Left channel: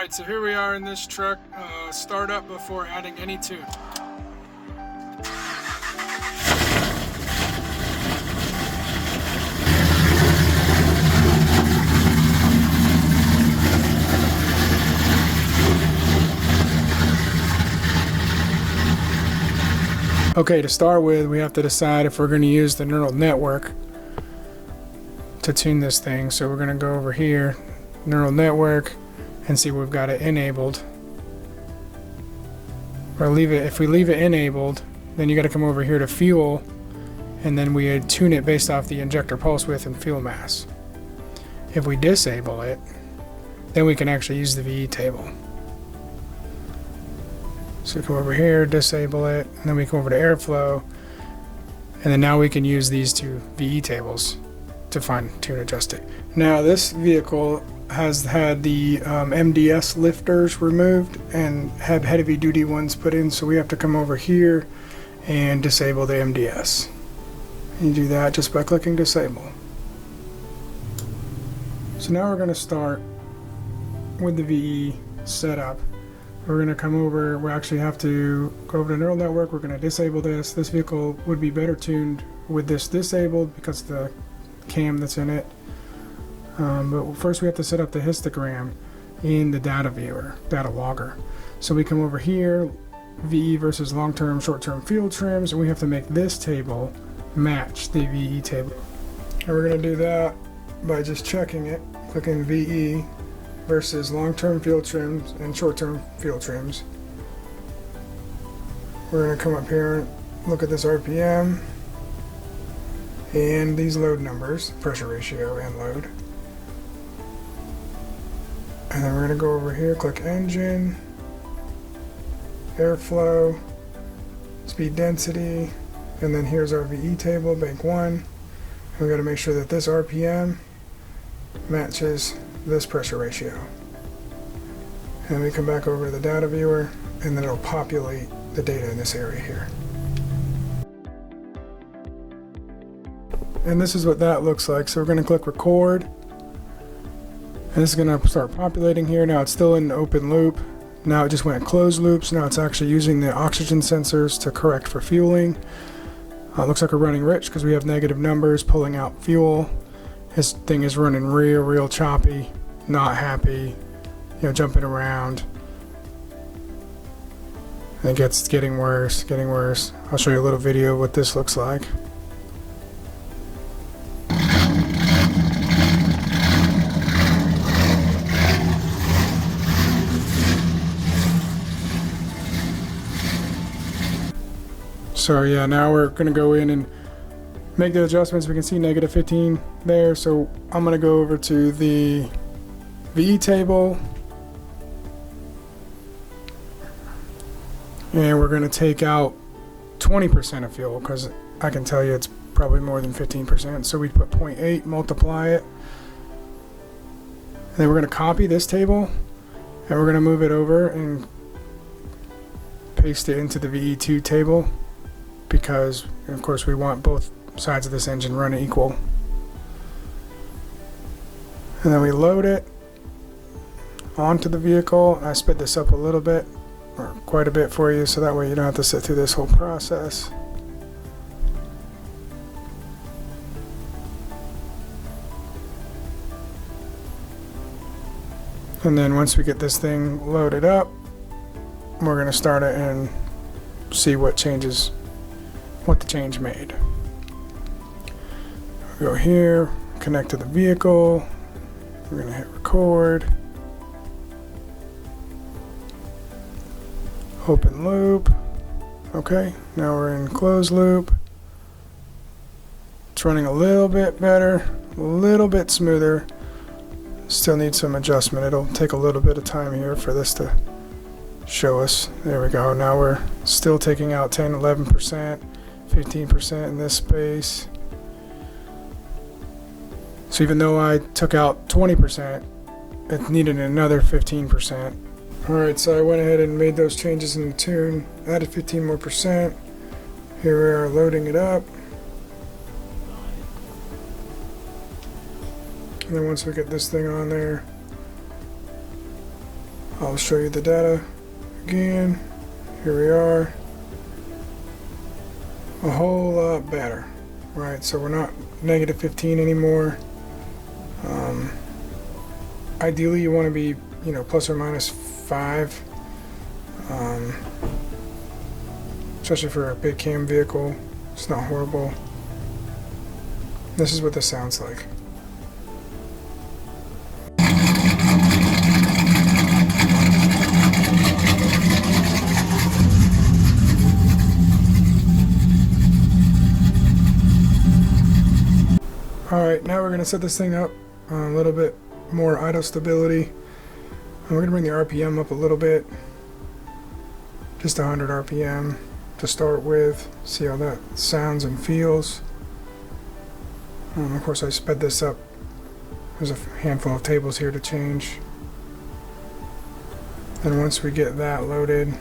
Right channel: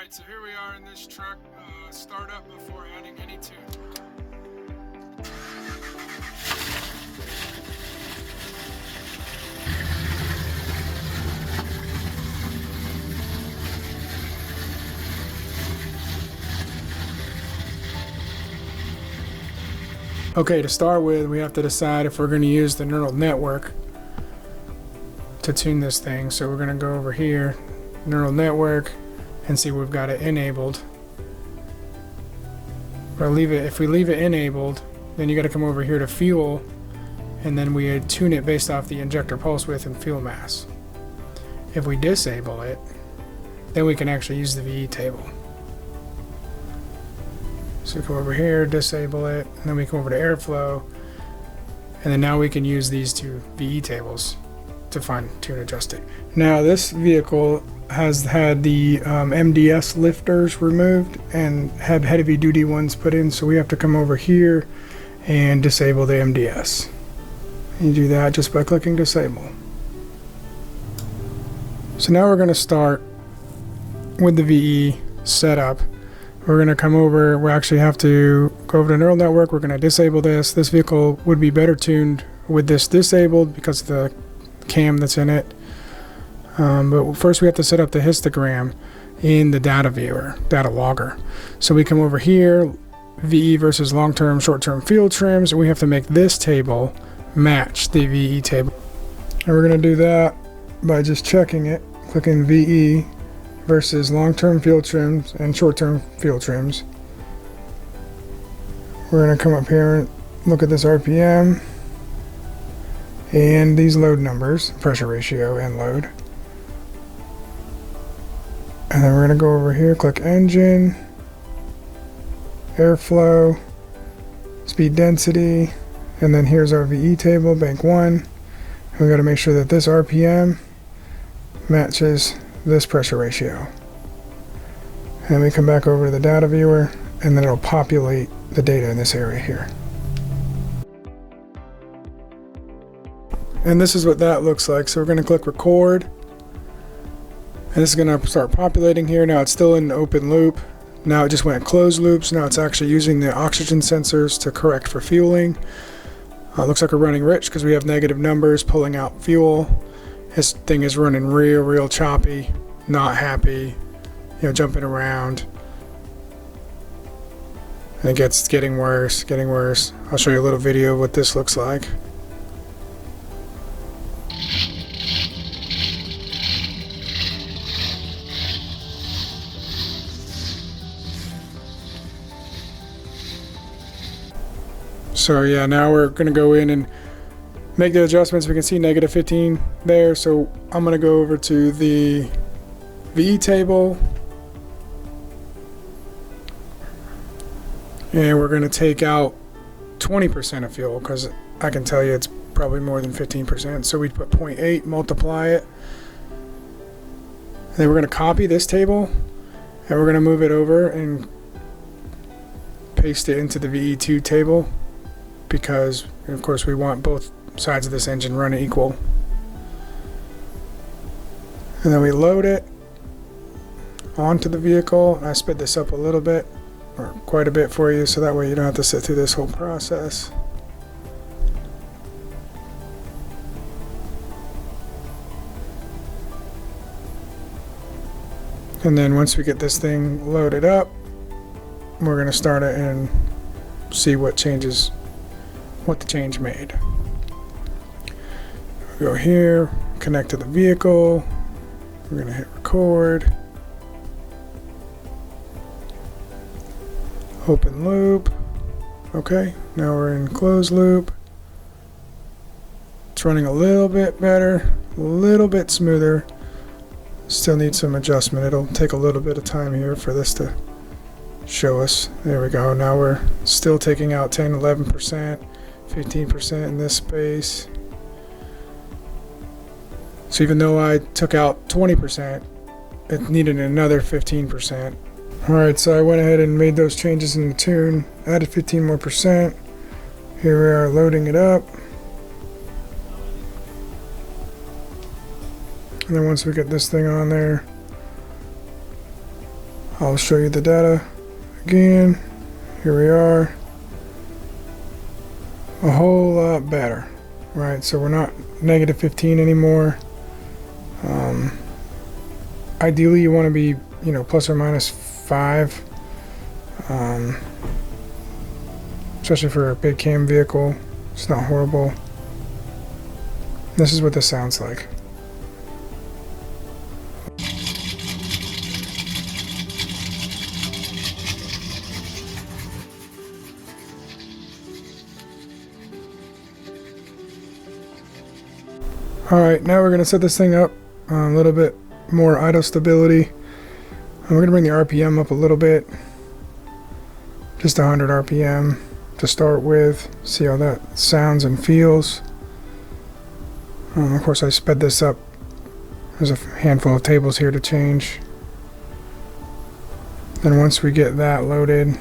Alright, so here we are in this truck, start up before adding any tune. Okay, to start with, we have to decide if we're going to use the neural network to tune this thing. So we're going to go over here, neural network, and see we've got it enabled. Or leave it. If we leave it enabled, then you got to come over here to fuel, and then we tune it based off the injector pulse width and fuel mass. If we disable it, then we can actually use the VE table. So come over here, disable it, and then we come over to airflow, and then now we can use these two VE tables to fine tune adjust it. Now this vehicle has had the MDS lifters removed and had heavy duty ones put in, so we have to come over here and disable the MDS. You do that just by clicking disable. So now we're going to start with the VE setup. We're going to come over, we actually have to go over to neural network, we're going to disable this. This vehicle would be better tuned with this disabled because of the cam that's in it. But first we have to set up the histogram in the data viewer, data logger. So we come over here, VE versus long-term, short-term field trims, and we have to make this table match the VE table. And we're going to do that by just checking it, clicking VE versus long-term field trims and short-term field trims. We're going to come up here and look at this RPM and these load numbers, pressure ratio and load. And then we're going to go over here, click engine, airflow, speed density, and then here's our VE table, bank 1. And we got to make sure that this RPM matches this pressure ratio. And we come back over to the data viewer, and then it'll populate the data in this area here. And this is what that looks like. So we're going to click record, and this is going to start populating here. Now it's still in open loop. Now it just went closed loops. Now it's actually using the oxygen sensors to correct for fueling. Looks like we're running rich because we have negative numbers pulling out fuel. This thing is running real choppy, not happy, jumping around. And it's getting worse. I'll show you a little video of what this looks like. So yeah, now we're going to go in and make the adjustments. We can see negative 15 there. So I'm going to go over to the VE table. And we're going to take out 20% of fuel because I can tell you it's probably more than 15%. So we put 0.8, multiply it. And then we're going to copy this table and we're going to move it over and paste it into the VE2 table because, of course, we want both sides of this engine running equal. And then we load it onto the vehicle. I sped this up a little bit, or quite a bit for you, so that way you don't have to sit through this whole process. And then once we get this thing loaded up, we're going to start it and see what changes, what the change made. Go here, connect to the vehicle. We're going to hit record. Open loop. Okay, now we're in closed loop. It's running a little bit better, a little bit smoother. Still needs some adjustment. It'll take a little bit of time here for this to show us. There we go. Now we're still taking out 10, 11%, 15% in this space. So even though I took out 20%, it needed another 15%. Alright, so I went ahead and made those changes in the tune, added 15 more percent. Here we are loading it up. And then once we get this thing on there, I'll show you the data again. Here we are. A whole lot better, right? So we're not negative 15 anymore. Ideally you want to be, you know, plus or minus 5, especially for a big cam vehicle. It's not horrible. This is what this sounds like. Alright, now we're going to set this thing up a little bit more idle stability. And we're going to bring the RPM up a little bit. Just 100 RPM to start with. See how that sounds and feels. Of course I sped this up. There's a handful of tables here to change. Then once we get that loaded,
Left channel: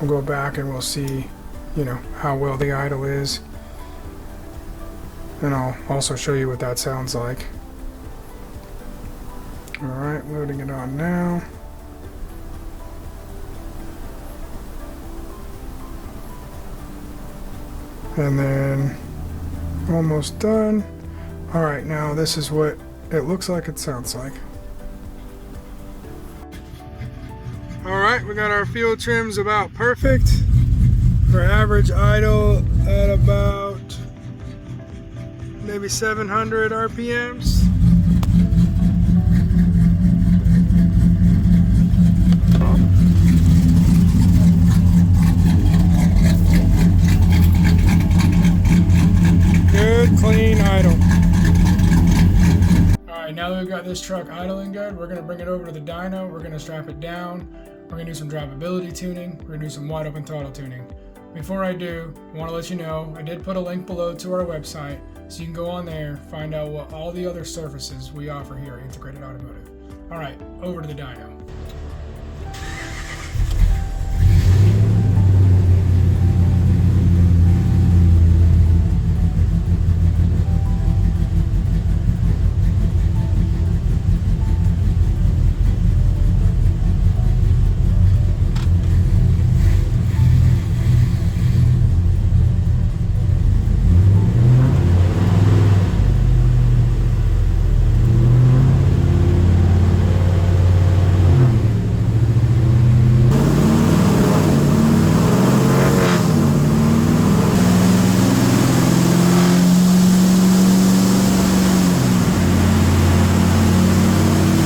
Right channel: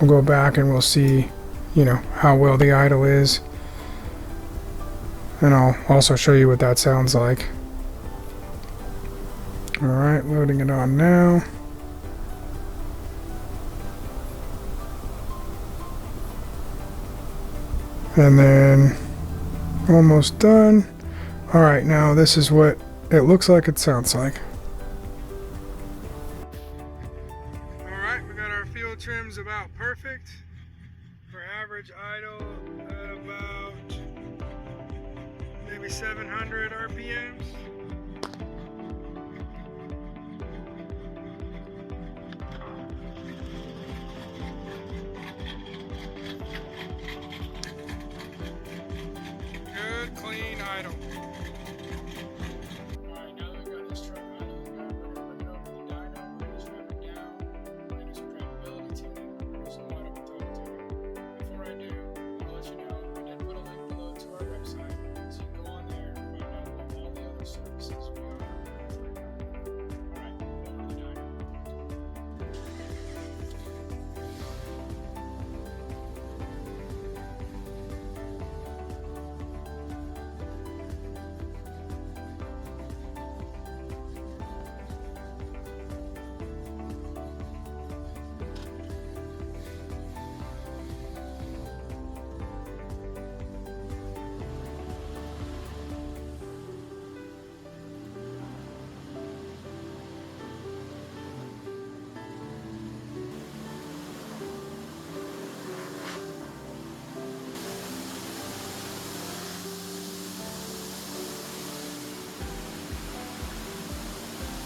we'll go back and we'll see, you know, how well the idle is. And I'll also show you what that sounds like. Alright, loading it on now. And then almost done. Alright, now this is what it looks like, it sounds like. Alright, we got our fuel trims about perfect. For average idle at about maybe 700 RPMs. Good, clean idle. Alright, now that we've got this truck idling good, we're going to bring it over to the dyno. We're going to strap it down. We're going to do some drivability tuning. We're going to do some wide open throttle tuning. Before I do, I want to let you know, I did put a link below to our website, so you can go on there, find out what all the other services we offer here at Integrated Automotive. Alright, over to the dyno.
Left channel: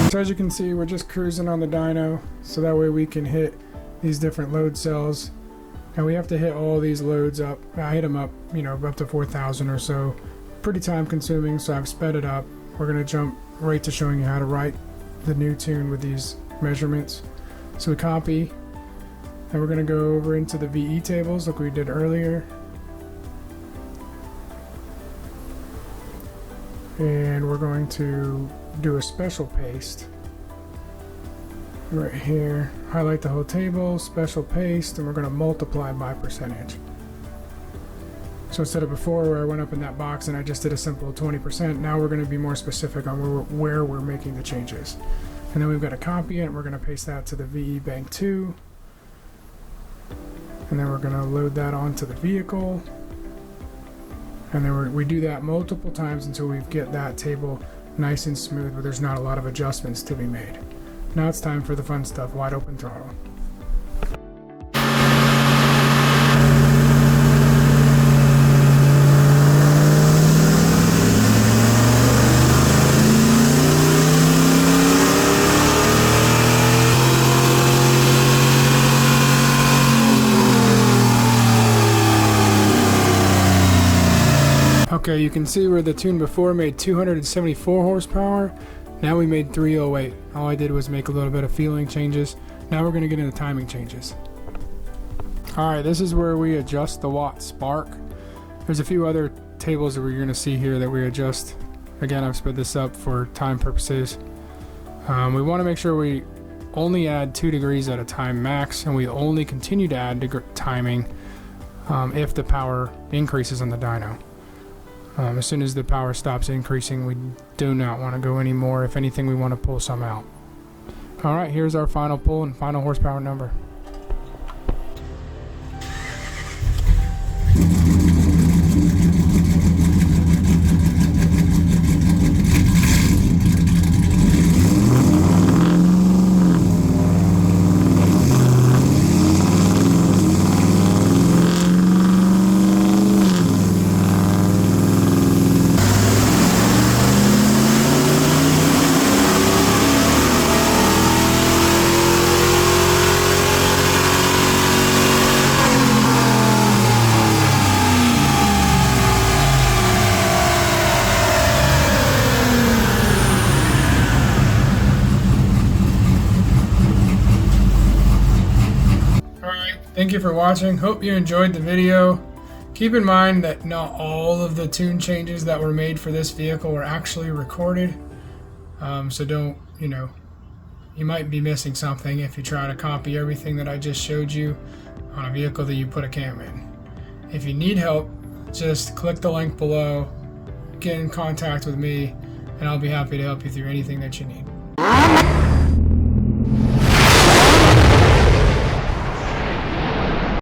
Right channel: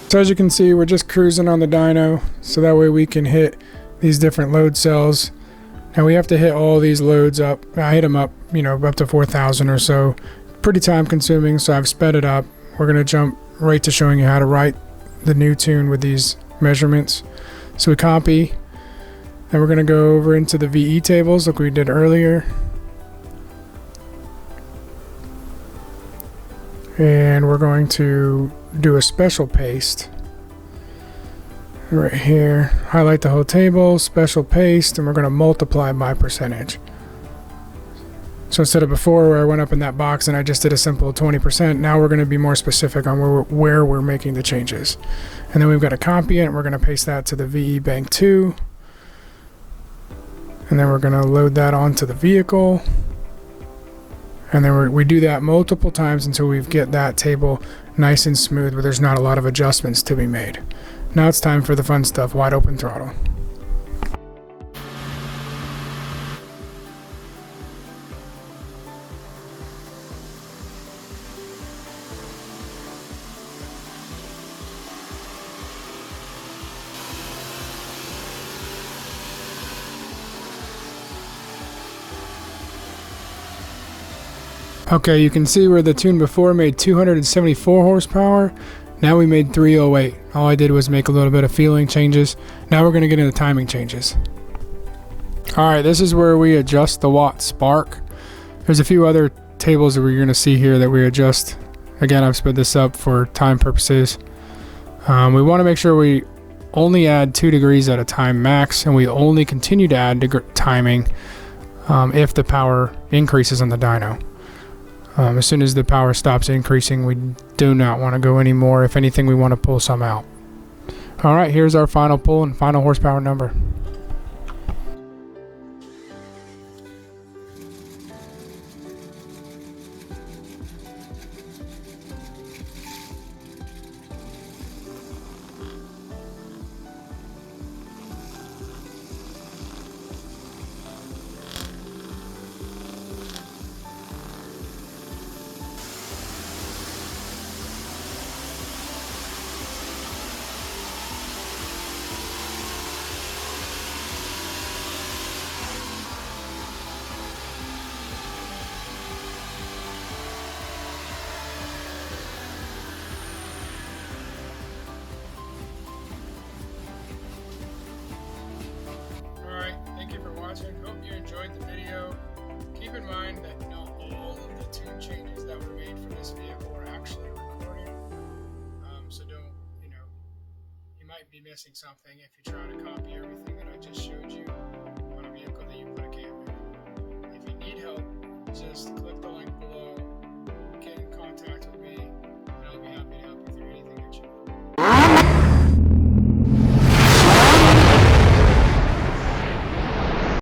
So as you can see, we're just cruising on the dyno, so that way we can hit these different load cells. Now we have to hit all these loads up. I hit them up, you know, up to 4,000 or so. Pretty time consuming, so I've sped it up. We're going to jump right to showing you how to write the new tune with these measurements. So we copy, and we're going to go over into the VE tables like we did earlier. And we're going to do a special paste right here. Highlight the whole table, special paste, and we're going to multiply by percentage. So instead of before where I went up in that box and I just did a simple 20%, now we're going to be more specific on where we're making the changes. And then we've got to copy it, and we're going to paste that to the VE Bank 2. And then we're going to load that onto the vehicle. And then we do that multiple times until we get that table nice and smooth where there's not a lot of adjustments to be made. Now it's time for the fun stuff, wide open throttle. Okay, you can see where the tune before made 274 horsepower. Now we made 308. All I did was make a little bit of feeling changes. Now we're going to get into timing changes. Alright, this is where we adjust the watt spark. There's a few other tables that we're going to see here that we adjust. Again, I've sped this up for time purposes. We want to make sure we only add 2 degrees at a time max, and we only continue to add timing if the power increases on the dyno. As soon as the power stops increasing, we do not want to go anymore. If anything, we want to pull some out. All right, here's our final pull and final horsepower number. Thank you for watching. Hope you enjoyed the video. Keep in mind that not all of the tune changes that were made for this vehicle were actually recorded. So don't, you might be missing something if you try to copy everything that I just showed you on a vehicle that you put a cam in. If you need help, just click the link below, get in contact with me, and I'll be happy to help you through anything that you need.